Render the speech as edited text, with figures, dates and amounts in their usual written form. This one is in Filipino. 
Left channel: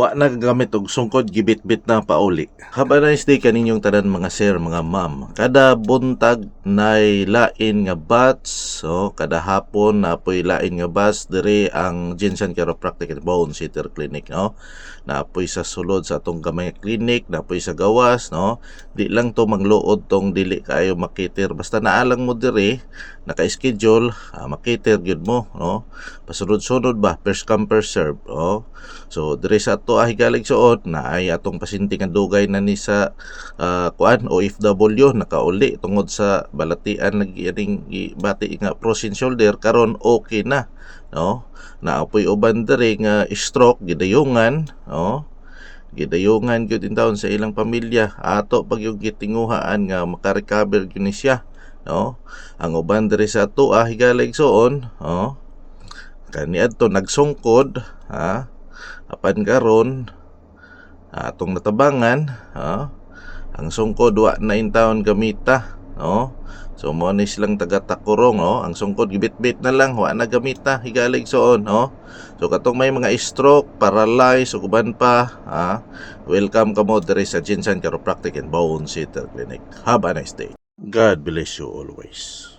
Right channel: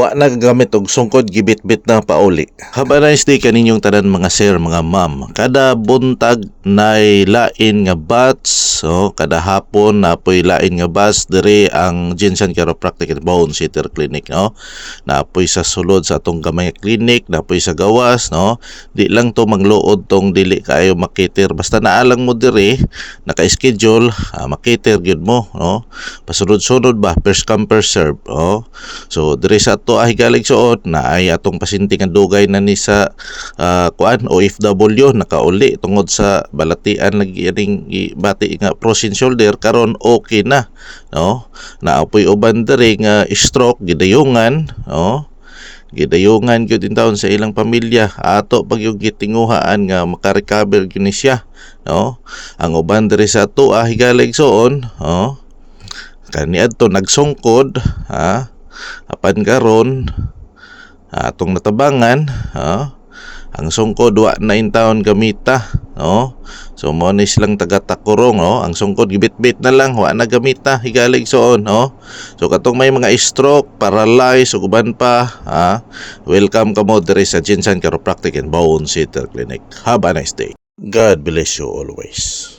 Wa na gamit og sungkod gibit-bit na pauli. Have a nice day kaninyong tanan mga sir, mga ma'am. Kada buntag nay lain nga batch, kada hapon napoy lain nga batch diri ang Jensen Chiropractic and Bone Center Clinic, no. Napoy sa sulod sa atong gamay clinic, napoy sa gawas, no. Di lang to mangluod tong dili kaayo makiter, basta naalang mo diri naka-schedule, makiter gyud mo, no. Pasunod-sunod ba, first come first serve, So diri sa ato higalig suot na ay atong pasinti nga dugay na ni sa OFW nakauli tungod sa balatian lagi aning bati nga frozen shoulder, karon okay na, no. Naapoy uban diri nga stroke gidayungan, gidayungan gyud in taon sa ilang pamilya, ato pag yung gitinguhaan nga makarecover gyud ni siya, no. Ang uban diri sa ato higalig suon, kani adto nagsungkod, apan karon atong natabangan, ang sungkod wa na in taon gamita, no. So mo ni silang taga-takurong, ang sungkod gibit-bit na lang, wa na gamita higalig soon, So katong may mga stroke, paralyzed ug uban pa, welcome kamo diri sa Jensen Chiropractic and Bone Center Clinic. Have a nice day. God bless you always.